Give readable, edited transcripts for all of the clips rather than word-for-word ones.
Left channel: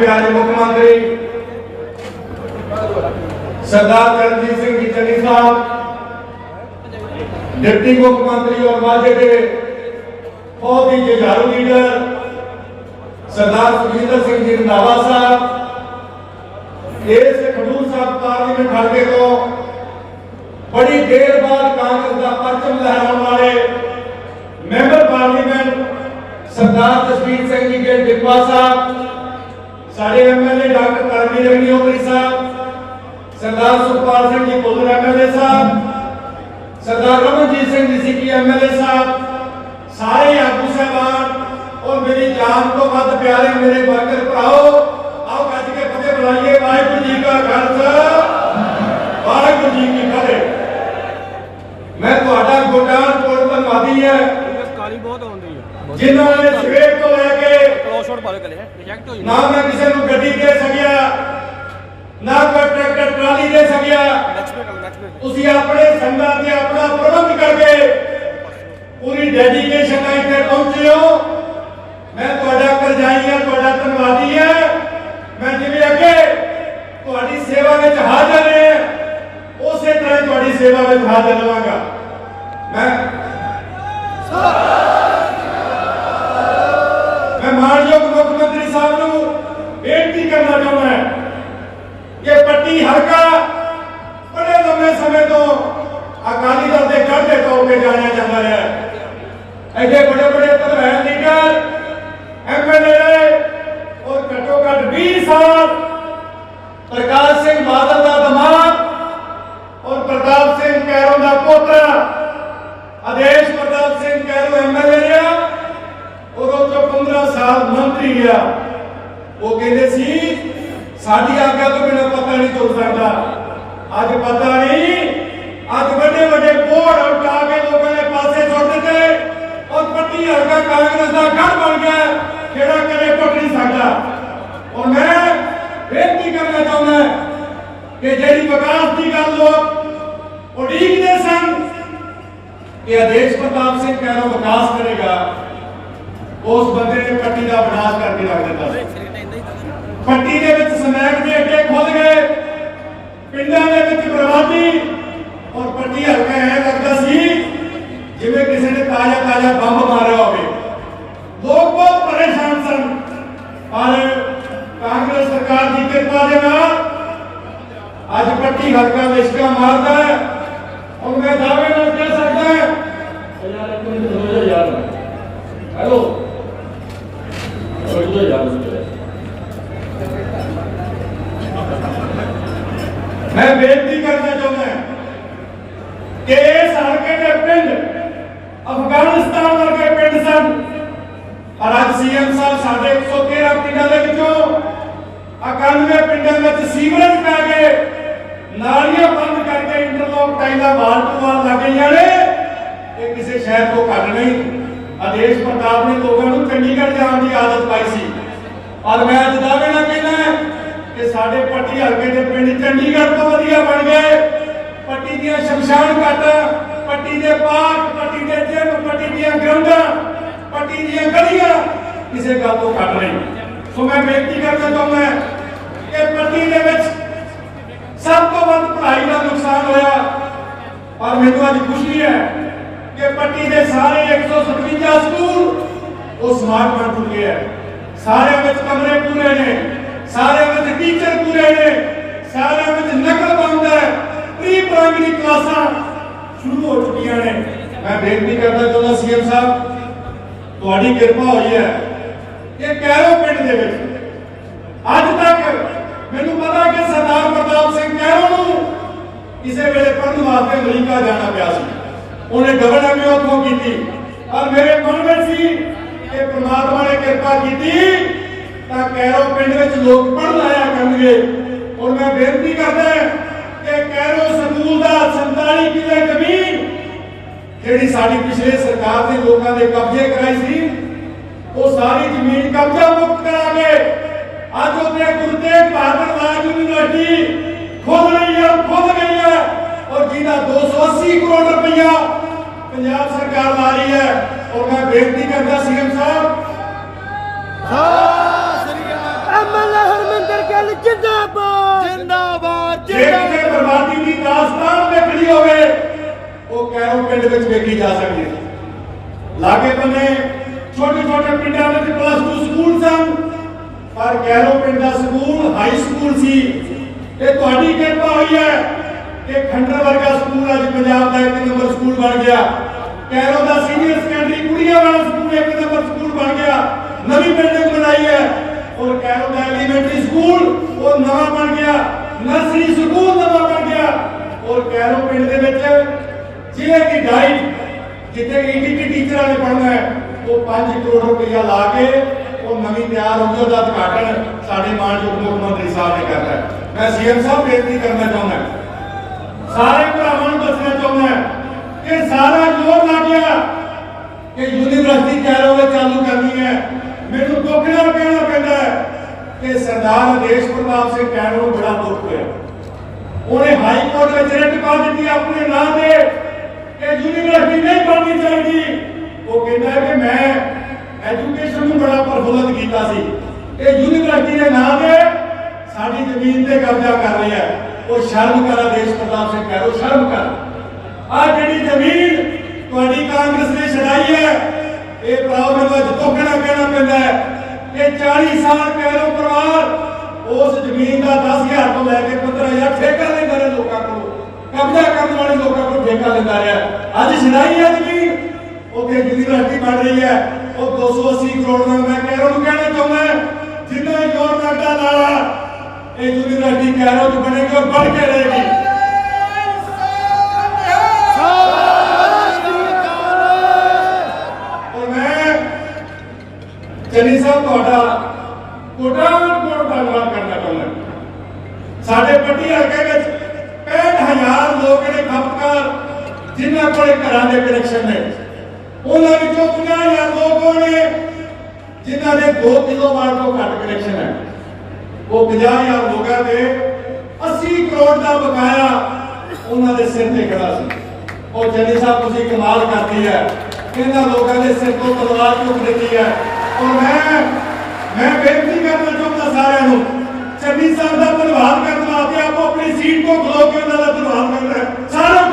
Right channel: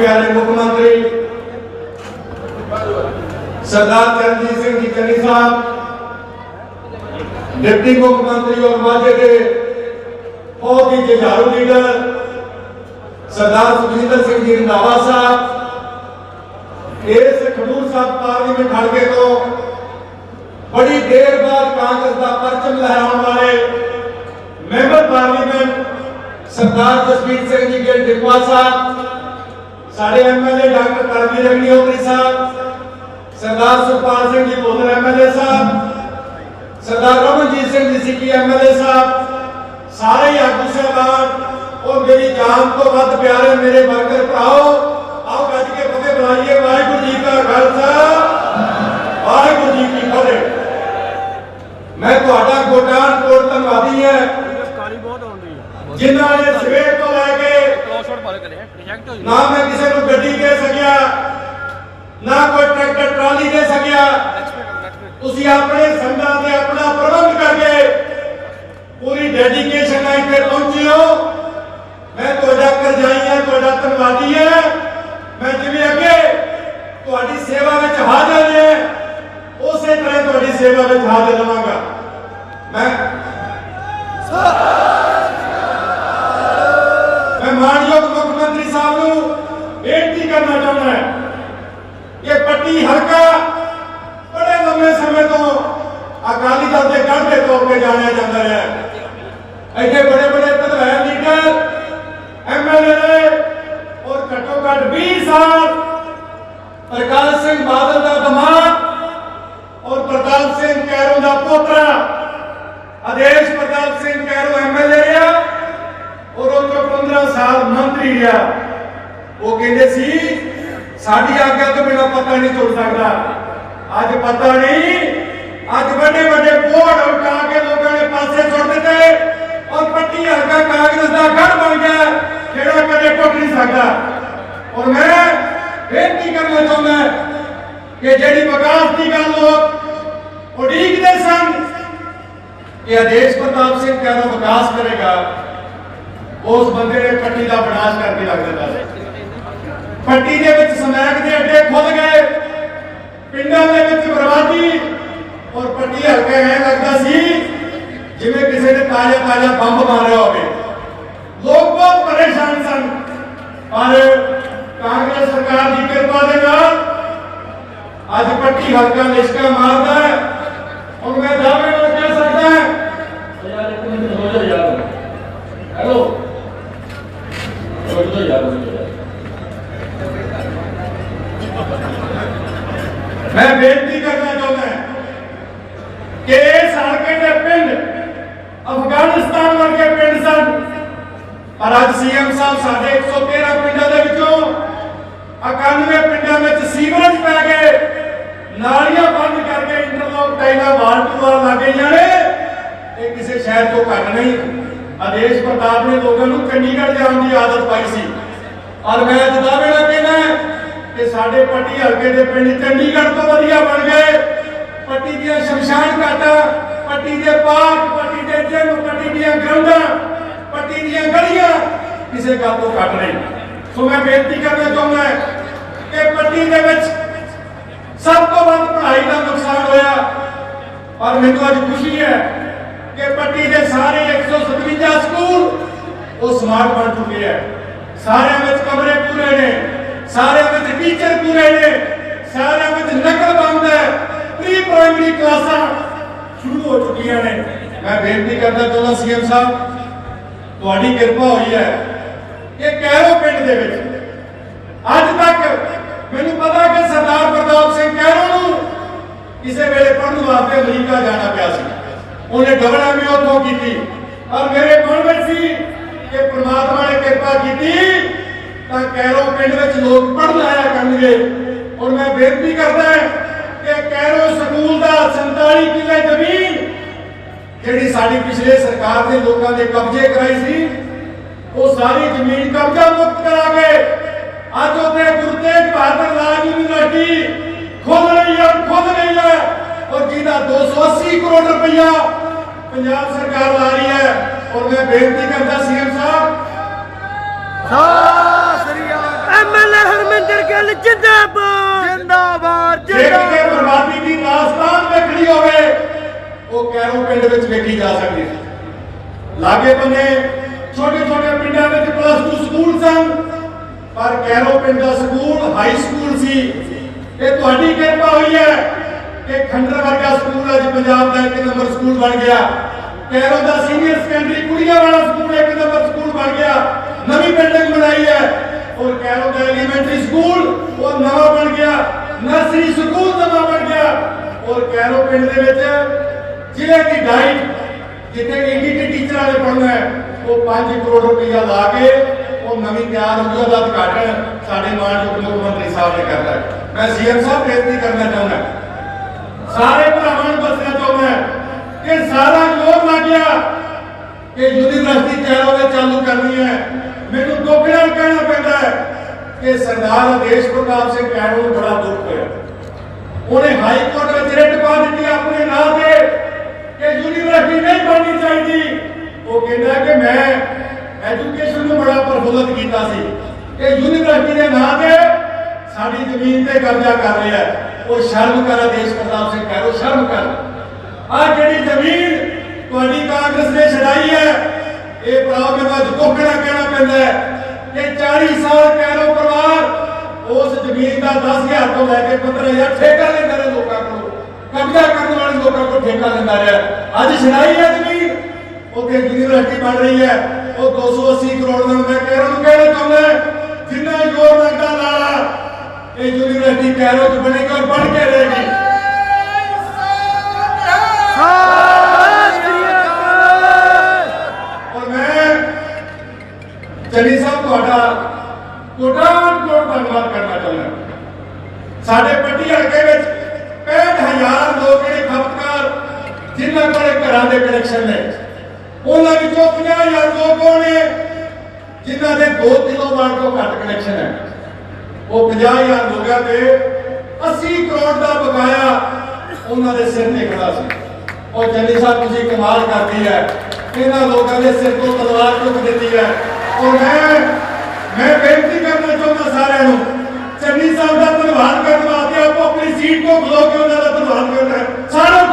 प्यारे मुख्यमंत्री सरदार चरणजीत सिंह जी चन्नी साहब, डिप्टी मुख्यमंत्री और माझे के बहुत ही जुझारू लीडर सरदार सुखजिंदर सिंह जी रंधावा साहब, इस खडूर साहब पार्लीमेंट हल्के तो बड़ी देर बाद कांग्रेस का परचम लहराने वाले मैंबर पार्लीमेंट सरदार जसवीर सिंह जी के डिप्पा साहब, साढ़े एमएलए डॉक्टर करमवीर अग्निहोत्री साहब, सरदार सुखपाल सिंह जी भुल्लर एमएलए साहब, सरदार रमनजीत सिंह जी की एमएलए साहब, सारे आगू साहबान और मेरी जान को वध प्यारे मेरे वर्कर भराओ, आओ कज के फतेह बुलाइए। वाहिगुरू जी का खालसा, वाहिगुरू जी की फतेह। मैं ਤੁਹਾਡਾ ਗੋਡਾਨ ਕੋਟ ਧੰਨਵਾਦੀ ਹੈ ਕਾਲੀ ਬਹੁਤ ਆਉਂਦੀ ਹੈ ਜਿਨ੍ਹਾਂ ਨੇ ਸਵੇਰ ਤੋਂ ਲੈ ਕੇ ਕ੍ਰੋਸਵਰਡ ਪਾ ਲਿਆ ਰਿਜੈਕਟ ਹੋਈ ਨਾ ਮੈਂ ਕਿਸੇ ਨੂੰ ਗੱਡੀ ਦੇ ਸਕਿਆ, ਨਾ ਕੋਈ ਟਰੈਕਟਰ ਟਰਾਲੀ ਦੇ ਸਕਿਆ। ਤੁਸੀਂ ਆਪਣੇ ਸੰਗਤਾਂ ਤੇ ਆਪਣਾ ਪ੍ਰਬੰਧ ਕਰਕੇ ਪੂਰੀ ਡੈਡੀਕੇਸ਼ਨ ਨਾਲ ਇੱਥੇ ਪਹੁੰਚੇ ਹੋ। ਮੈਂ ਤੁਹਾਡਾ ਕਰਜ਼ਾਈ ਹਾਂ, ਤੁਹਾਡਾ ਧੰਨਵਾਦੀ ਹਾਂ। ਮੈਂ ਜਿਵੇਂ ਅੱਗੇ ਤੁਹਾਡੀ ਸੇਵਾ ਵਿੱਚ ਹਾਜ਼ਰ ਹਾਂ ਉਸੇ ਤਰ੍ਹਾਂ ਤੁਹਾਡੀ ਸੇਵਾ ਵਿੱਚ ਹਾਜ਼ਰ ਰਹਾਂਗਾ। मैं मानयोग मुख्यमंत्री साहब को बेनती करना चाहता है कि पट्टी हल्का बड़े लंबे समय तो अकाली दल के गढ़ के तौर पर जाना जाता है। ऐसे बड़े बड़े प्रधान लीडर एमएलए और घट्टो घट 20 साल प्रकाश सिंह बादल का दामाद और प्रताप सिंह कैरों का पोतरा आदेश प्रताप सिंह कैरो एमएलए रहा और 15 साल मंत्री रहा। वो कहते सी साडी आज्ञा तो बिना पता नहीं चल सकता। आज पता नहीं, आज बड़े बड़े बोर्ड उठा के लोगों ने पासे छोड़ देते और पट्टी हल्का कांग्रेस का गढ़ बन गया, खेड़ा कदे टुट नहीं सकता। और मैं बेनती करना चाहता कि जेडी विकास की गल लोग उड़ीकते सन कि आदेश प्रताप सिंह कैरो विकास करेगा, उस बंदे ने पट्टी का विनाश करके रख दिता। पट्टी के विच समैक के अड्डे खुल गए, पिंडों के विच बर्बादी और पट्टी हल्का ऐ लगता सी जिवें किसी ने ताजा ताजा बंब मारिया होवे। लोग बहुत परेशान सन, पर कांग्रेस सरकार की कृपा के नाल अज पट्टी हल्का लिशका मारदा है। और मैं दावे नाल कह सकदा हेलो मैं बेनती करना चाहता कि इस हल्के के पिंड अफगानिस्तान वर्गे पिंड सन, और आज सीएम साहब साढ़े 113 पिंडों के विचों 91 पिंडों में सीवरेज पै गए, नालियां बंद करके इंटरलॉक टाइलां वाल टू वाल लग गई ने। ये किसी शहर को घट नहीं। आदेश प्रताप ने लोगों को चंडीगढ़ जाने की आदत पाई सी, और मैं दावे नाल कहना कि साडे पट्टी हल्के के पिंड चंडीगढ़ तो वधिया बन गए। पट्टी दी शमशान घाटा, पट्टी के पार्क, पट्टी के जिम, पट्टी दी ग्राउंडां, पट्टी दी गलियां किसी गल तो घट नहीं। सो मैं बेनती करना चाहता कि पट्टी के विच सब तो वध पढ़ाई का नुकसान होया, पर मैनूं अज खुशी है कि पट्टी के सारे 157 स्कूल वो स्मार्ट बन चुके हैं। सारे में कमरे पूरे ने, सारे में टीचर पूरे ने, सारे में नकल बंद है, प्री प्राइमरी क्लासां शुरू हो चुकी ने। मैं बेनती करना चाहता सीएम साहब, तुहाडी कृपा हुई है कि कैरो पिंड दे विच अज तक मैनूं पता कि सरदार प्रताप सिंह कैरो नूं किसी वेले पढ़न वास्ते अमरीका जाना पिया सी, उन्हें डबल एमए उत्थों की, और मेरे मन में सी कि परमात्मा ने कृपा की तां कैरो पिंड विच लोग पढ़न आया करनगे। और मैं बेनती करदा कि कैरो स्कूल दा 47 किले जमीन जिहड़ी साडी पिछले सरकार ने लोगों के कब्जे कराई सी, वो सारी जमीन कब्जा मुक्त करा के आज उत्थे गुरु तेग बहादुर राज यूनिवर्सिटी खुल रही है और जिसका 280 करोड़ रुपया पंजाब सरकार ला रही है। और मैं बेनती करता सीएम साहब एमएलए ਗਿੱਲ ਜਿੰਦਾਬਾਦ ਜਿੰਦਾਬਾਦ ਜਿਹੜੀ ਬਰਬਾਦੀ ਦੀ ਦਾਸਤਾਨ ਵੇਖਣੀ ਹੋਵੇ ਉਹ ਕੈਰੋਂ ਪਿੰਡ ਵਿੱਚ ਵੇਖੀ ਜਾ ਸਕਦੀ ਹੈ। ਲਾਗੇ ਬੰਨੇ ਛੋਟੇ ਛੋਟੇ ਪਿੰਡਾਂ ਵਿੱਚ +2 ਸਕੂਲ ਸਨ, ਪਰ ਕੈਰੋਂ ਪਿੰਡ ਦਾ ਸਕੂਲ ਹਾਈ ਸਕੂਲ ਸੀ। ਇਹ ਤੁਹਾਡੀ ਕਿਰਪਾ ਹੋਈ ਹੈ ਕਿ ਖੰਡਰ ਵਰਗਾ ਸਕੂਲ ਅੱਜ ਪੰਜਾਬ ਦਾ 1 ਨੰਬਰ ਸਕੂਲ ਬਣ ਗਿਆ। ਕੈਰੋਂ ਦਾ ਸੀਨੀਅਰ ਸੈਕੰਡਰੀ ਕੁੜੀਆਂ ਵਾਲਾ ਸਕੂਲ 1 ਨੰਬਰ ਸਕੂਲ ਬਣ ਗਿਆ। ਨਵੀਂ ਬਿਲਡਿੰਗ ਬਣਾਈ ਹੈ ਔਰ ਕੈਰੋਂ ਦਾ ਐਲੀਮੈਂਟਰੀ ਸਕੂਲ ਉਹ ਨਵਾਂ ਬਣ ਗਿਆ। ਨਰਸਰੀ ਸਕੂਲ ਨਵਾਂ ਬਣ ਗਿਆ ਔਰ ਕੈਰੋਂ ਪਿੰਡ ਦੇ ਵਿੱਚ ਜ਼ਿਲ੍ਹੇ ਦੀ ਡਾਈਟ ਜਿੱਥੇ ਈਟੀਟੀ ਟੀਚਰਾਂ ਨੇ ਪੜ੍ਹਨਾ ਹੈ ਉਹ 5 ਕਰੋੜ ਰੁਪਇਆ ਲਾ ਕੇ ਉਹ ਨਵੀਂ ਤਿਆਰ ਹੋ ਗਈ। ਉਹਦਾ ਉਦਘਾਟਨ ਸਾਡੇ ਮਾਨਯੋਗ ਮੁੱਖ ਮੰਤਰੀ ਸਾਹਿਬ ਨੇ ਕਰਨਾ ਹੈ। ਮੈਂ ਸੀਐਮ ਸਾਹਿਬ ਬੇਨਤੀ ਕਰਨਾ ਚਾਹੁੰਦਾ ਸਾਰੇ ਭਰਾਵਾਂ ਨੂੰ ਦੱਸਣਾ ਚਾਹੁੰਦਾ ਕਿ ਸਾਰਾ ਜ਼ੋਰ ਲੱਗ ਗਿਆ ਕਿ ਯੂਨੀਵਰਸਿਟੀ ਕੈਰੋਂ ਵਿੱਚ ਚਾਲੂ ਕਰਨੀ ਹੈ। ਮੈਨੂੰ ਦੁੱਖ ਨਾਲ ਕਹਿਣਾ ਪੈਂਦਾ ਹੈ ਕਿ ਸਰਦਾਰ ਆਦੇਸ਼ ਪ੍ਰਤਾਪ ਸਿੰਘ ਕੈਰੋਂ ਨੂੰ ਬੜਾ ਦੁੱਖ ਹੋਇਆ। ਉਹਨੇ ਹਾਈ ਕੋਰਟ ਵਿੱਚ ਰਿਟ ਪਾ ਦਿੱਤੀ ਆਪਣੇ ਨਾਂ ਤੇ ਕਿ ਯੂਨੀਵਰਸਿਟੀ ਨਹੀਂ ਬਣਨੀ ਚਾਹੀਦੀ। ਉਹ ਕਹਿੰਦਾ ਕਿ ਮੈਂ ਐਜੂਕੇਸ਼ਨ ਨੂੰ ਬੜਾ ਪ੍ਰਫੁੱਲਤ ਕੀਤਾ ਸੀ ਕਿ ਯੂਨੀਵਰਸਿਟੀ ਦੇ ਨਾਂ ਤੇ ਸਾਡੀ ਜ਼ਮੀਨ ਤੇ ਕਬਜ਼ਾ ਕਰ ਰਿਹਾ ਹੈ। ਉਹ ਸ਼ਰਮ ਕਰ ਆਦੇਸ਼ ਪ੍ਰਤਾਪ ਸਿੰਘ ਕੈਰੋਂ, ਸ਼ਰਮ ਕਰ। ਆ ਜਿਹੜੀ ਜ਼ਮੀਨ ਤੁਹਾਡੀ ਕਾਂਗਰਸ ਨੇ ਛਡਾਈ ਹੈ ਇਹ ਭਰਾਓ ਮੈਨੂੰ ਅੱਜ ਦੁੱਖ ਨਾਲ ਕਹਿਣਾ ਪੈਂਦਾ ਹੈ ਕਿ 40 ਸਾਲ ਕੈਰੋਂ ਪਰਿਵਾਰ ਉਸ ਜ਼ਮੀਨ ਦਾ 10,000 ਤੋਂ ਲੈ ਕੇ 15,000 ਠੇਕਾ ਲੈਂਦਾ ਰਿਹਾ ਲੋਕਾਂ ਕੋਲ, ਕਬਜ਼ਾ ਕਰਨ ਵਾਲੇ ਲੋਕਾਂ ਕੋਲ ਠੇਕਾ ਲੈਂਦਾ ਰਿਹਾ। ਅੱਜ ਛਡਾਈ ਹੈ ਜ਼ਮੀਨ, ਉੱਥੇ ਯੂਨੀਵਰਸਿਟੀ ਬਣ ਰਹੀ ਹੈ। ਉਹ 280 ਕਰੋੜ ਦਾ ਮੈਂ ਕੈਰੋਂ ਨੂੰ ਕਹਿਣਾ ਚਾਹੁੰਦਾ ਜਿੰਨਾ ਜ਼ੋਰ ਲੱਗਦਾ ਨਾਲਾ ਇਹ ਯੂਨੀਵਰਸਿਟੀ ਕੈਰੋਂ ਚ ਬਣੇਗਾ, ਬਣ ਕੇ ਰਹੇਗੀ। ਔਰ ਮੈਂ ਚੰਨੀ ਸਾਹਿਬ ਤੁਹਾਡਾ ਕੋਟਾਂ-ਕੋਟ ਧੰਨਵਾਦ ਕਰਨਾ ਚਾਹੁੰਦਾ। ਸਾਡੇ ਪੱਟੀ ਹਲਕੇ ਵਿੱਚ 65,000 ਲੋਕ ਜਿਹੜੇ ਖਪਤਕਾਰ ਜਿਨ੍ਹਾਂ ਕੋਲੇ ਘਰਾਂ ਦੇ ਕਨੈਕਸ਼ਨ ਨੇ ਉਹਨਾਂ ਵਿੱਚੋਂ 50,000 ਲੋਕ ਹੋਣੇ ਜਿਨ੍ਹਾਂ ਦੇ 2 ਕਿਲੋਵਾਟ ਤੋਂ ਘੱਟ ਕਨੈਕਸ਼ਨ ਹੈ। ਉਹ 50,000 ਲੋਕਾਂ ਦੇ 80 ਕਰੋੜ ਦਾ ਬਕਾਇਆ ਉਹਨਾਂ ਦੇ ਸਿਰ ਤੇ ਖੜਾ ਸੀ। ਉਹ ਚੰਨੀ ਸਾਹਿਬ ਤੁਸੀਂ ਕਮਾਲ ਕਰਦੀ ਹੈ, ਇਹਨਾਂ ਲੋਕਾਂ ਦੇ ਸਿਰ ਤੋਂ ਤਲਵਾਰ ਚੁੱਕ ਦਿੱਤੀ ਹੈ। ਔਰ ਮੈਂ ਬੇਨਤੀ ਕਰਨਾ ਚਾਹੁੰਦਾ ਸਾਰਿਆਂ ਨੂੰ ਚੰਨੀ ਸਾਹਿਬ ਦਾ ਧੰਨਵਾਦ ਕਰਨ ਵਾਸਤੇ ਆਪੋ ਆਪਣੀ ਸੀਟ ਤੋਂ ਖਲੋ ਕੇ ਉਹਨਾਂ ਦਾ ਧੰਨਵਾਦ ਕਰਨਾ ਹੈ। ਸਾਰਿਆਂ ਨੂੰ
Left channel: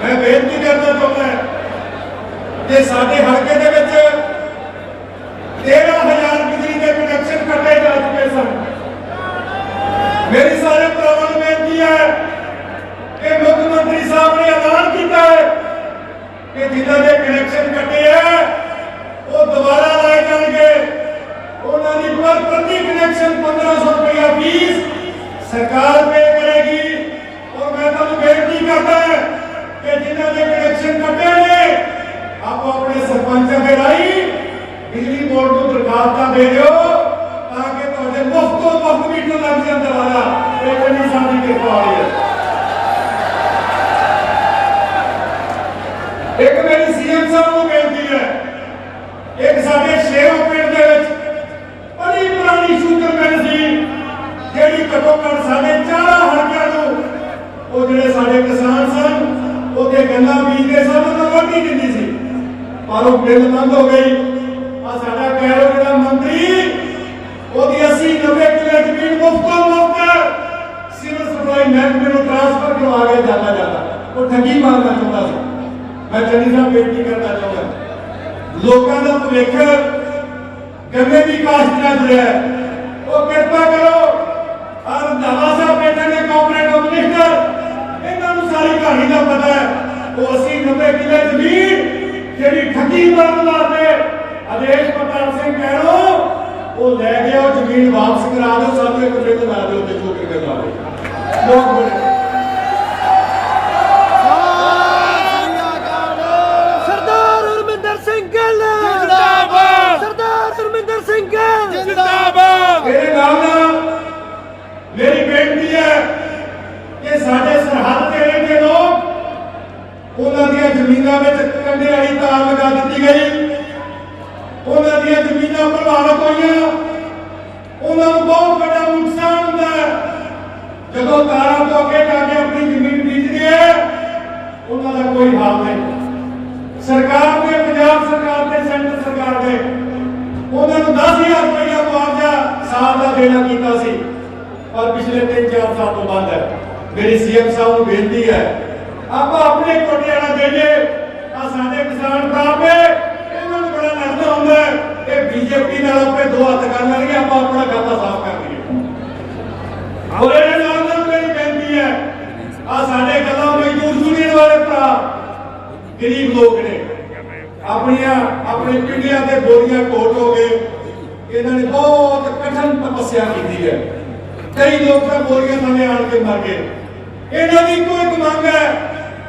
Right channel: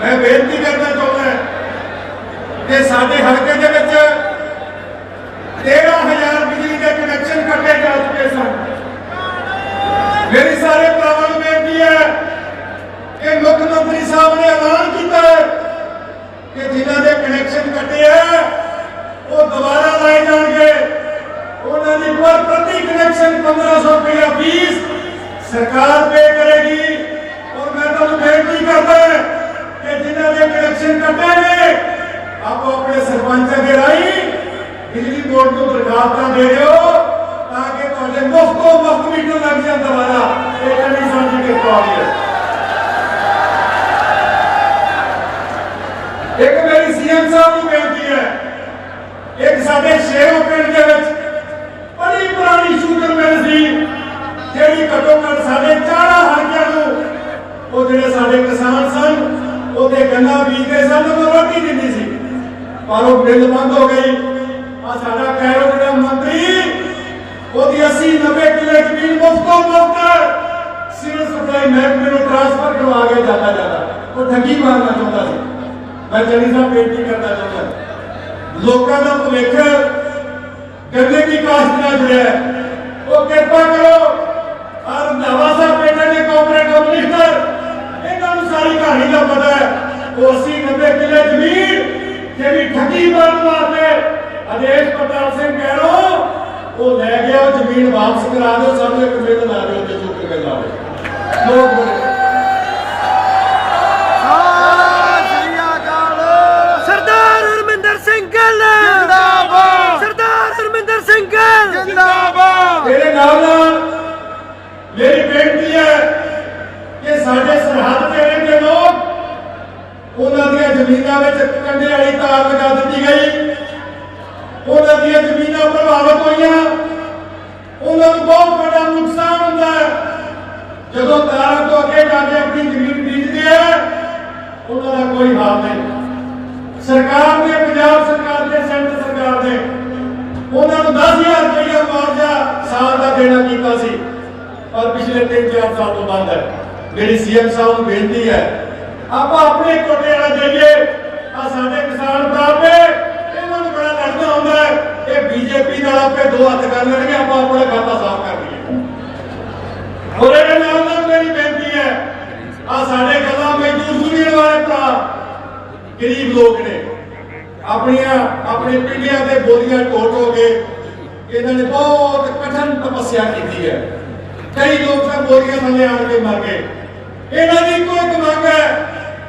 मैं बेनती करना चाहता कि साडे हल्के दे विच 13,000 बिजली के कनेक्शन कटे जा चुके सन। मेरी सारे भरावां नूं बेनती है कि मुख्यमंत्री साहब ने ऐलान किया है कि जिन्हां दे कनेक्शन कटे है वो दोबारा लाए जाएंगे। उन्हां दी प्रति कनेक्शन 1,500 रुपया फीस सरकार पे करेगी। और मैं तुहानूं बेनती करदा कि जिन्हां दे कनेक्शन कटे ने आप अपने सरपंचां के राही बिजली बोर्ड को दरखास्तां दे दिओ ताकि तुहाडे मुफ्त मीटर लग जाए दोबारा। ये चंनी साहब की किरपा होई है। एक मेरी सीएम साहब नूं बेनती है, एक साडे शेरों पिंड दे विच बड़ी पुरानी शुगर मिल सी ਜਿਹੜੀ ਘੱਟੋ ਘੱਟ ਸਾਡੇ 4 ਹਲਕਿਆਂ ਨੂੰ ਉਹ ਜਿਹੜੇ ਸਾਡੇ ਕਿਸਾਨ ਸਨ ਉਹਦੇ ਗੰਨਾ ਬੀਜਦੇ ਸਨ ਉਹ ਰੋਟੀ ਦਿੰਦੀ ਸੀ, ਪਰ ਉਹ ਬਿੱਲ ਬੰਦ ਹੋ ਗਈ। ਆ ਸਾਡਾ ਕੈਰੋਂ ਜਿਹੜਾ ਮੰਤਰੀ ਉਹਦੀ 80-90 ਕਿੱਲੇ ਜ਼ਮੀਨ ਮੁਫਤ ਸਿਵਲ ਸਪਲਾਈ ਮਹਿਕਮੇ ਨੂੰ ਟ੍ਰਾਂਸਫਰ ਕਰਵਾ ਕੇ ਜਾਂਦਾ ਉਹ ਠੱਗੀ ਮਾਰਨਾ ਚਾਹੁੰਦਾ ਸੀ। ਮੈਂ ਚੰਨੀ ਸਾਹਿਬ ਬੇਨਤੀ ਕਰਨਾ ਚਾਹੁੰਦਾ ਲੋਕਾਂ ਦਾ ਭੁਲੇਖ ਗੰਨੇ ਦੀ ਕਾਸ਼ਤ ਨਾਲ ਜੁੜਿਆ ਉਹ ਕਿਰਪਾ ਕਰੋ। और रंधावा साहब बैठे ने कोऑपरेटिव मिनिस्टर, इन्होंने सारी कहानी का पता है। वो 80-90 किले जमीन जेडी ठगी मारन वास्ते आदेश प्रताप सिंह कैरों वो ले गया जमीन वापस करा दो, सानू एक बिल ला दो ते चुक के ला दो। लोग बोले ਇਹਦੇ ਨਾਲ ਮੇਰੀ ਬੇਨਤੀ ਹੈ ਕਿ ਸਾਡੇ ਸਰਹੱਦ ਤੇ ਰਹਿੰਦੇ ਲੋਕ ਉਹਨਾਂ ਦੀਆਂ ਜ਼ਮੀਨਾਂ ਵਿੱਚ ਕੰਡੇ ਵਾਲੀ ਤਾਰ ਲਗਾ ਦਿੱਤੀ ਗਈ, ਉਹਨਾਂ ਦੀਆਂ ਜ਼ਮੀਨਾਂ ਪ੍ਰਭਾਵਿਤ ਹੋਈਆਂ, ਉਹਨਾਂ ਨੂੰ ਬਹੁਤ ਵੱਡਾ ਨੁਕਸਾਨ ਹੁੰਦਾ ਹੈ। ਜਦੋਂ ਤਾਰਾਂ ਤੋਂ ਅੱਗੇ ਜਾ ਕੇ ਆਪਣੀ ਜ਼ਮੀਨ ਬੀਜਦੇ ਹੈ ਉਹਨਾਂ ਦਾ ਕੋਈ ਹਾਲ ਨਹੀਂ। ਸਰਕਾਰ ਨੇ, ਪੰਜਾਬ ਸਰਕਾਰ ਨੇ, ਸੈਂਟਰ ਸਰਕਾਰ ਨੇ ਉਹਨਾਂ ਨੂੰ 10,000 ਰੁਪਇਆ ਮੁਆਵਜ਼ਾ ਸਾਲ ਦਾ ਦੇਣਾ ਕੀਤਾ ਸੀ, ਪਰ ਪਿਛਲੇ 3-4 ਸਾਲ ਤੋਂ ਬੰਦ ਹੈ। ਮੇਰੀ ਸੀਐਮ ਸਾਹਿਬ ਨੂੰ ਬੇਨਤੀ ਹੈ ਆਪਾਂ ਆਪਣੇ ਕੋਟੇ ਵਾਲਾ ਦੇਈਏ। ਆ ਸਾਡੇ ਕਿਸਾਨ ਭਰਾ ਨੇ ਇਹਨਾਂ ਨੂੰ ਬੜਾ ਲੱਗਦਾ ਹੁੰਦਾ ਹੈ ਕਿ ਬੀਜੇਪੀ ਨਾਲ ਆਪੇ ਦੋ ਹੱਥ ਕਰ ਲੈਣਗੇ, ਆਪਾਂ ਆਪਣਾ ਖਾਤਾ ਸਾਫ਼ ਕਰ ਲਈਏ। ਔਰ ਇਹਦੇ ਨਾਲ ਮੇਰੀ ਬੇਨਤੀ ਹੈ ਆ ਸਾਡੇ ਕਦਮ ਮਜ਼ਦੂਰ ਯੂਨੀਅਨ ਵਾਲੇ ਭਰਾ ਗਰੀਬ ਲੋਕ ਨੇ, ਆਪਣੇ ਪਿੰਡਾਂ ਦੇ ਬੋਲੀਆਂ ਢੋਟ ਹੋ ਗਏ। ਇਹਨਾਂ ਨੇ ਬਹੁਤ ਕਠਿਨ ਤਪੱਸਿਆ ਕੀਤੀ ਹੈ, ਕਈ ਲੋਕ ਤਾਂ ਬੋਲੀਆਂ ਥੱਲੇ ਆਣ ਕੇ ਮਰ ਗਏ। ਇਹਨਾਂ ਦੀ ਕੋਈ ਮੰਗ ਹੈ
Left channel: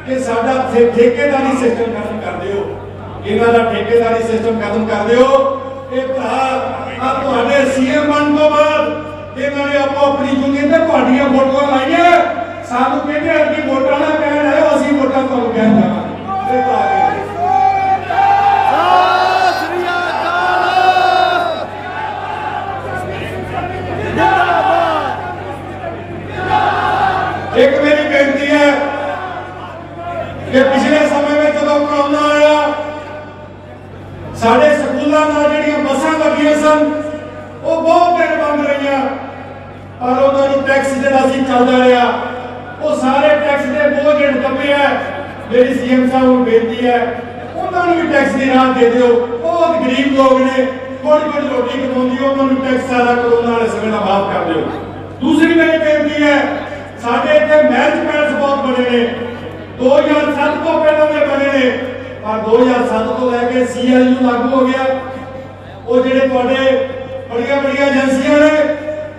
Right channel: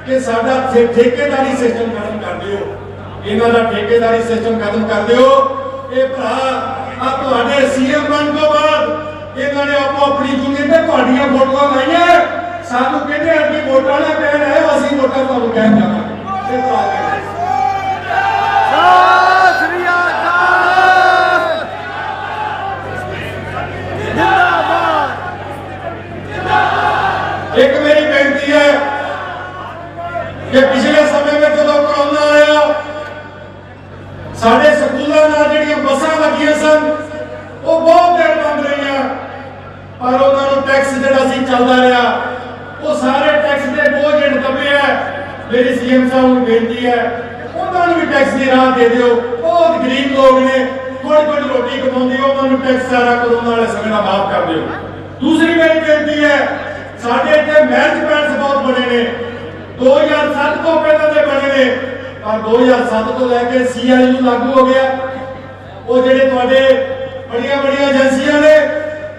ਕਿ ਸਾਡਾ ਠੇਕੇਦਾਰੀ ਸਿਸਟਮ ਖਤਮ ਕਰ ਦਿਓ, ਇਹਨਾਂ ਦਾ ਠੇਕੇਦਾਰੀ ਸਿਸਟਮ ਖਤਮ ਕਰ ਦਿਓ। ਇਹ ਭਰਾ ਆ ਤੁਹਾਡੇ ਸੀਐਮ ਬਣਨ ਤੋਂ ਬਾਅਦ ਇਹਨਾਂ ਨੇ ਆਪਣੀ ਯੂਨੀਅਨ ਤੇ ਤੁਹਾਡੀਆਂ ਫੋਟੋਆਂ ਲਾਈਆਂ, ਸਾਨੂੰ ਕਹਿੰਦੇ ਅੱਗੇ ਵੋਟਾਂ ਨਾ ਕਹਿਣ ਆਇਓ, ਅਸੀਂ ਵੋਟਾਂ ਤੁਹਾਨੂੰ ਕਹਿਣ ਜਾਵਾਂਗੇ। ਇਹ ਭਰਾ ਸ੍ਰੀ ਅਕਾਲ ਇੱਕ ਮੇਰੀ ਬੇਨਤੀ ਹੈ ਕਿ ਪਿਛਲੇ ਸਮੇਂ ਵਿੱਚ ਜਦੋਂ ਕਰੋਨਾ ਆਇਆ ਸਾਡੇ ਸਕੂਲਾਂ ਨਾਲ ਜਿਹੜੀਆਂ ਬੱਸਾਂ ਲੱਗੀਆਂ ਸਨ ਉਹ ਬਹੁਤ ਦੇਰ ਬੰਦ ਰਹੀਆਂ, ਪਰ ਉਹਨਾਂ ਨੂੰ ਟੈਕਸ ਜਿਹੜਾ ਸੀ ਚੱਲਦਾ ਰਿਹਾ, ਉਹ ਸਾਰੇ ਟੈਕਸ ਦੇ ਬੋਝ ਹੇਠ ਦਬਿਆ। ਮੇਰੀ ਸੀਐਮ ਸਾਹਿਬ ਨੂੰ ਬੇਨਤੀ ਹੈ ਉਹਨਾਂ ਨੂੰ ਵੀ ਟੈਕਸ ਦੀ ਰਾਹਤ ਦੇ ਦਿਓ। ਬਹੁਤ ਗਰੀਬ ਲੋਕ ਨੇ, ਥੋੜੀ ਰੋਟੀ ਕਮਾਉਂਦੇ, ਉਹਨਾਂ ਨੂੰ ਟੈਕਸ ਸਾਰਾ ਕਰੋਨਾ ਵਾਲੇ ਸਮੇਂ ਦਾ ਮਾਫ ਕਰ ਦਿਓ। ਦੂਸਰੀ ਮੇਰੀ ਬੇਨਤੀ ਹੈ ਸਾਡੇ ਇੱਥੇ ਮੈਰਿਜ ਪੈਲਸ ਬਹੁਤ ਬਣੇ ਨੇ, 2007 ਤੋਂ ਪਹਿਲਾਂ ਦੇ ਬਣੇ ਨੇ, ਪਰ 2007 ਤੋਂ ਲੈ ਕੇ CIU ਲਾਗੂ ਹੋ ਗਿਆ। ਉਹ ਜਿਹੜੇ ਤੁਹਾਡੇ ਬੜੀਆਂ ਏਜੰਸੀਆਂ ਨੇ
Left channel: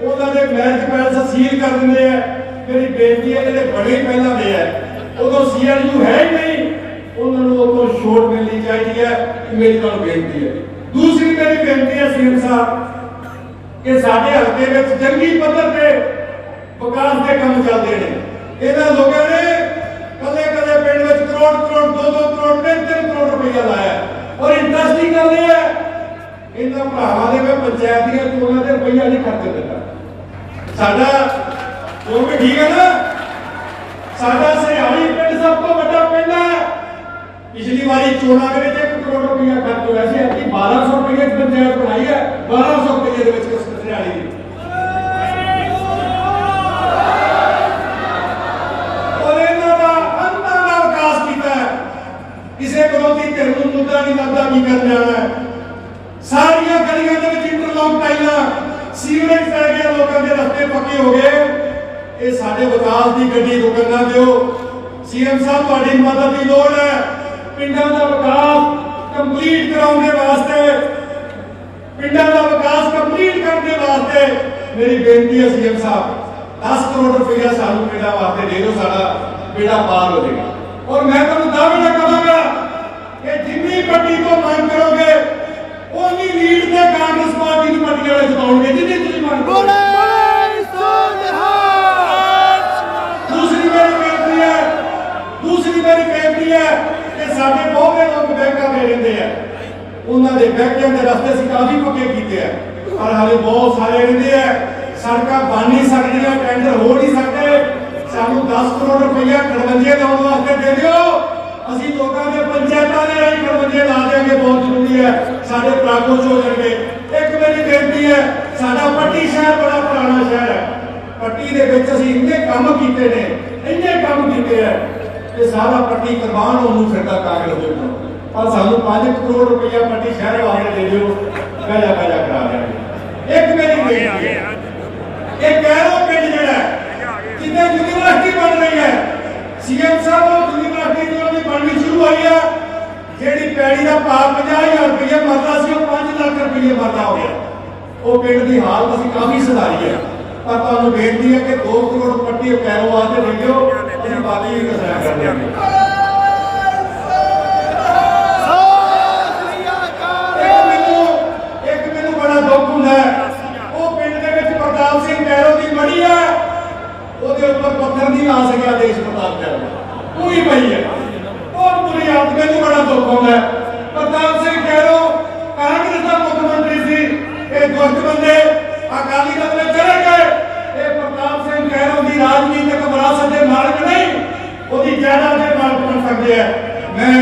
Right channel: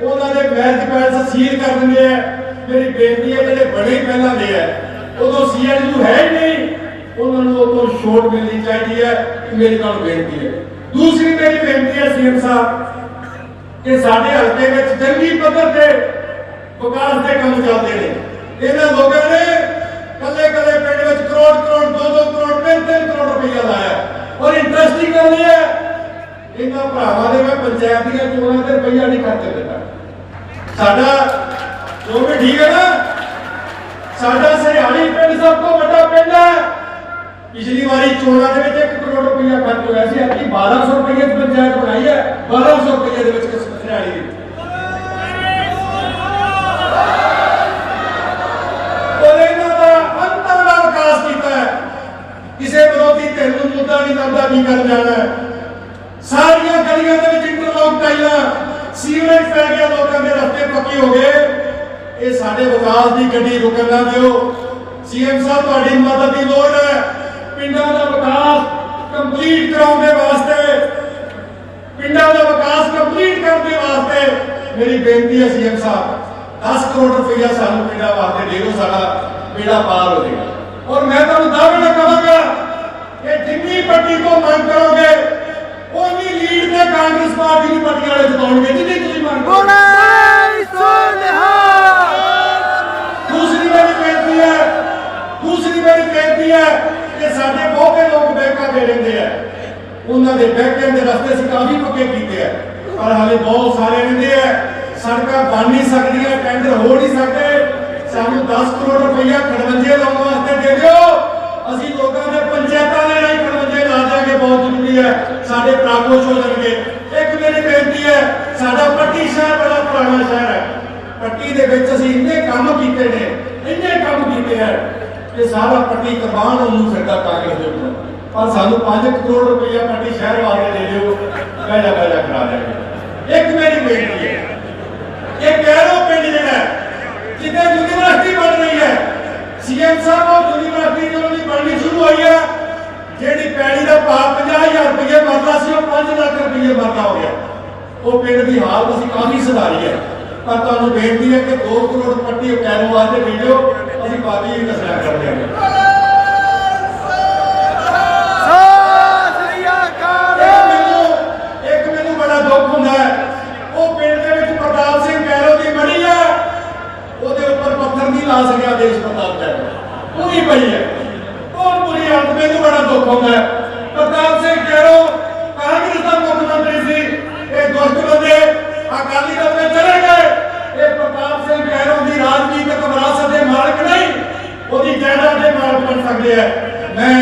ਉਹਨਾਂ ਦੇ ਮੈਰਿਜ ਪੈਲਸ ਸੀਲ ਕਰ ਦਿੰਦੇ ਆ। ਮੇਰੀ ਬੇਨਤੀ ਹੈ ਜਿਹੜੇ ਬੜੇ ਪਹਿਲਾਂ ਦੇ ਆ ਉਦੋਂ CIU ਹੈ ਹੀ ਨਹੀਂ, ਉਹਨਾਂ ਨੂੰ ਉਦੋਂ ਛੋਟ ਮਿਲਣੀ ਚਾਹੀਦੀ ਹੈ। ਮੇਰੀ ਤੁਹਾਨੂੰ ਬੇਨਤੀ ਹੈ। ਦੂਸਰੀ ਮੇਰੀ ਬੇਨਤੀ ਹੈ ਸੀਐਮ ਸਾਹਿਬ ਕਿ ਸਾਡੇ ਹਲਕੇ ਵਿੱਚ ਜੰਗੀ ਪੱਧਰ ਤੇ ਵਿਕਾਸ ਦੇ ਕੰਮ ਚੱਲਦੇ ਨੇ। ਇਹਨਾਂ ਲੋਕਾਂ ਨੇ ਕਦੇ ਪਿੰਡ ਵਿੱਚ ਕਰੋੜ 2-2 ਕਰੋੜ 3-3 ਕਰੋੜ ਰੁਪਇਆ ਲਾਇਆ, ਔਰ ਇੰਡਸਟਰੀ ਕਰਦੇ ਆ। ਇਹਨਾਂ ਭਰਾਵਾਂ ਦੇ ਮੈਂ ਪੰਚਾਇਤ ਦੀਆਂ ਚੋਣਾਂ ਤੇ ਰੁਪਇਆ ਨਹੀਂ ਖਰਚ ਦਿੱਤਾ। ਸਾਡਾ ਜੋ ਵੀ ਠੀਕ ਹੈ ਨਾ, ਸਾਡਾ ਸਿਹਾਲੀ ਪਿੰਡ ਸਭ ਤੋਂ ਵੱਡਾ ਪਿੰਡ ਹੈ। ਪਿਛਲੀ ਵਾਰੀ ਚੋਣਾਂ ਦੇ ਵਿੱਚ 1 ਕਰੋੜ ਰੁਪਇਆ ਖਰਚ ਹੋਇਆ ਸੀ, ਅੱਜ 1200 ਰੁਪਏ ਦੀ ਪੰਚਾਇਤ ਬਣਾਈ ਹੈ। 1200 ਰੁਪਏ ਦੇ ਵਿੱਚ ਕਿਸ ਸਿਹਾਲੀ ਦੀ ਕਿਸੇ ਵਿਰੋਧੀ ਧਿਰ ਨੂੰ ਮੁੱਦਾ ਨਹੀਂ ਲੱਗਦਾ ਕੀ ਕਰ ਜਾਣਾ ਹੈ। ਸਾਰੀਆਂ ਗਲੀਆਂ ਦੇ ਵਿੱਚ ਇੰਟਰਲੌਕ ਟਾਈਲਾਂ, ਸੀਵਰੇਜ ਪੈ ਗਿਆ, ਲੋਕਾਂ ਦੇ ਰਸਤੇ ਪੱਕੇ ਹੋ ਗਏ। ਇਹ ਸਾਡੇ ਵਿਕਾਸ ਦੀ ਗੱਡੀ ਰੁਕਣ ਨਾ ਦਿਓ। ਸੀਐਮ ਸਾਹਿਬ ਤੁਹਾਡੀ ਮਦਦ ਦੀ ਲੋੜ ਹੈ ਪਿੰਡਾਂ ਦਾ ਵਿਕਾਸ ਕੰਪਲੀਟ ਕਰਾਉਣ ਦੇ ਵਾਸਤੇ, ਪਿੰਡਾਂ ਦਾ ਵਿਕਾਸ ਕੰਪਲੀਟ ਕਰਨ ਦੇ ਵਾਸਤੇ। ਮੇਰੀ ਬੇਨਤੀ ਹੈ ਸੀਐਮ ਸਾਹਿਬ 10 ਕਰੋੜ ਰੁਪਇਆ ਸਾਨੂੰ ਪਿੰਡਾਂ ਵਾਸਤੇ ਦੇ ਦਿਓ, ਸਾਡਾ ਬੇੜਾ ਪਾਰ ਹੋ ਜਾਏਗਾ। और मैं तो दावे करूंगा कि जिन्नी पट्टी को मांग करोगे उन्नी लीड से कांग्रेस पार्टी की पट्टी वाले जिताओगे, जितनी तुम मांग करोगे। दूसरी मेरी बेनती है कि साडे बहुते लोग बैंकों में रहते हैं, उन्होंने बैंकों के रस्ते से काफी पक्के किए हैं, पर हाले बहुत सारे रहते हैं। सड़क बन नहीं सकती, टेंडर हो नहीं सकते। ਸਾਨੂੰ 10 ਕਰੋੜ ਰੁਪਇਆ ਖੜਵੰਜੇ ਲਾਉਣ ਵਾਸਤੇ ਦੇ ਦਿਓ, ਅਸੀਂ ਲੋਕਾਂ ਦੇ ਪੰਚਾਇਤਾਂ ਦੇ ਰਾਹੀਂ ਖੜਵੰਜੇ ਲਾ ਦਿਆਂਗੇ। ਬਹੁਤ ਜ਼ਰੂਰੀ ਹੈ, ਸਾਡੇ ਭਰਾ ਖੁਸ਼ ਹੋ ਜਾਣਗੇ। ਇੱਕ ਮੇਰੀ ਬੇਨਤੀ ਹੈ, ਸਾਡਾ ਪੱਟੀ ਸ਼ਹਿਰ ਬੜਾ ਪੁਰਾਣਾ ਸ਼ਹਿਰ ਹੈ। ਪੱਟੀ ਦੇ ਵਿੱਚ ਅਸੀਂ ਇੰਨੇ ਕੰਮ ਕੀਤੇ ਨੇ, ਇੰਨੇ ਕੰਮ ਕੀਤੇ ਹੈ ਕਿ ਸਾਰਾ ਪੱਟੀ ਕੁਰਬਾਨ ਉਹਨੂੰ ਫਿਰਦਾ ਕਾਂਗਰਸ ਦੇ ਉੱਪਰ, ਪਰ ਸਾਨੂੰ 5 ਕਰੋੜ ਰੁਪਇਆ ਪੱਟੀ ਸ਼ਹਿਰ ਵਾਸਤੇ ਦੇ ਦਿਓ, ਪਹਿਲਾ ਕਰਾ ਦਿਆਂਗੇ। ਇੱਕ ਮੇਰੀ ਬੇਨਤੀ ਹੈ, ਇਹ ਕੈਰੋ ਪਿੰਡ ਜਿਹੜਾ जितने यूनिवर्सिटी बन रही है, सीएम साहब और यूनिवर्सिटी जो बननी शुरू हुई है, जेडी पैड़ी का भाव 50,000 रुपये मरता सी 5 लाख रुपये मरता हो गया। वो पिंड की हालत असीं काफी सुधारी है, पर तुहानूं बेनती है कि 2 करोड़ पट्टी कैरों वास्ते दे दिओ, असीं बाकी भी दस्सिया कर देंगे। एक मैनूं बड़ा दुख हुंदा है, वो पिंड दे मैं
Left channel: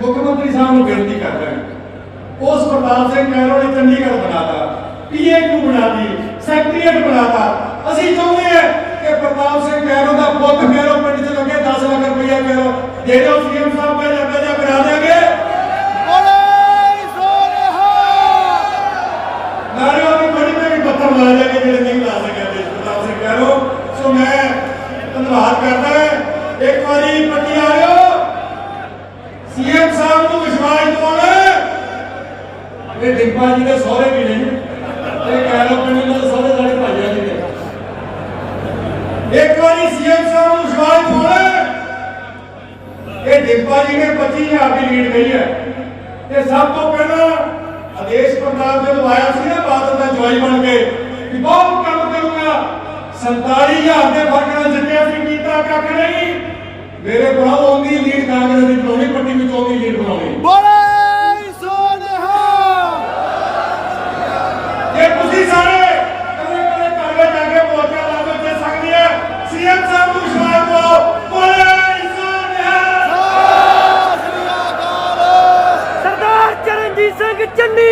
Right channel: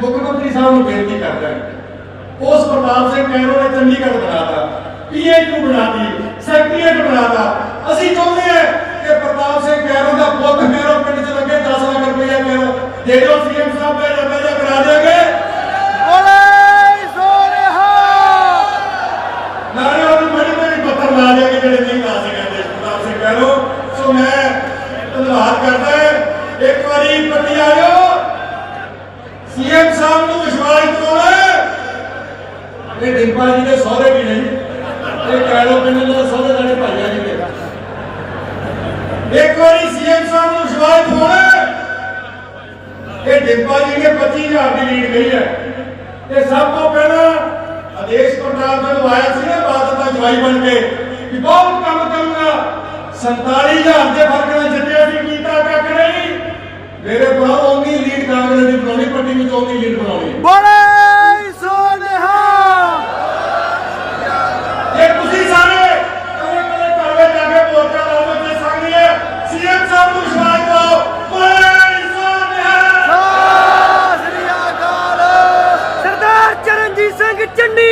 मुख्यमंत्री साहब को बेनती करता हूं, उस प्रताप सिंह कैरो ने चंडीगढ़ बनाता, पीएचयू बनाती, सैक्रेटरीट बनाता। ਅਸੀਂ ਚਾਹੁੰਦੇ ਹਾਂ ਕਿ ਪ੍ਰਤਾਪ ਸਿੰਘ ਕੈਰੋ ਦਾ ਪੁੱਤ ਫੇਰੋ ਪਿੰਡ 'ਚ ਲੱਗੇ 10 ਲੱਖ ਰੁਪਇਆ ਕਰੋ ਦੇ ਦਿਓ ਸੀਐਮ ਸਾਹਿਬ ਮੈਂ ਜਾਂ ਕਰਾ ਦਿਆਂਗੇ। ਬੋਲੇ ਸੋਨੇਹਾ ਨਾਲੇ ਉਹਨੂੰ ਬੜੀ ਬੜੀ ਪੱਤਰ ਲਾ ਦਿਆਂਗੇ ਜਿਹੜੇ ਨਹੀਂ ਲਾ ਸਕਦੇ ਪ੍ਰਤਾਪ ਸਿੰਘ ਕੈਰੋ। ਸੋ ਮੈਂ ਧੰਨਵਾਦ ਕਰਦਾ ਹਾਂ। ਇੱਕ ਵਾਰੀ ਪੱਟੀ ਆਇਓ ਸੀਐਮ ਸਾਹਿਬ ਨੂੰ ਵਿਸ਼ਵਾਸ ਦਿਵਾਉਣਾ। ਇਹ ਡਿੰਪਾ ਜੀ ਦੇ ਸਹੁਰੇ ਵੀ ਨਹੀਂ, ਇਹ ਕੈਰੋ ਪਿੰਡ ਦੇ ਸਹੁਰੇ ਸਾਡੇ ਭਾਈਆ ਜੀ ਨੇ। एक बार सीएम साहब को विश्वास दिवाना। ये डिंपा जी ने 25,000 की लीड गई है। ये सब तो पहला आदेश प्रताप जो आया सी ना बादल का जवाई बन के कि बहुत काम करूंगा 47,000 के फर्क ने जितने सी कीता कख नहीं। मेरे को ओनी लीड कांग्रेस की बनानी पट्टी में ओनी लीड बनानी। ਬੋਲੇ ਸੋਨੇਹਾ ये तुसी सारे कदे घर में जाके मोर्चा ला दे सकदी है। सीएम साहब को विश्वास दिवाओ। बोले सोनहा ਸਤਿ ਸ੍ਰੀ ਅਕਾਲ। ਸਰਦਾਰ ਚਰਨਜੀਤ ਸਿੰਘ ਚੰਨੀ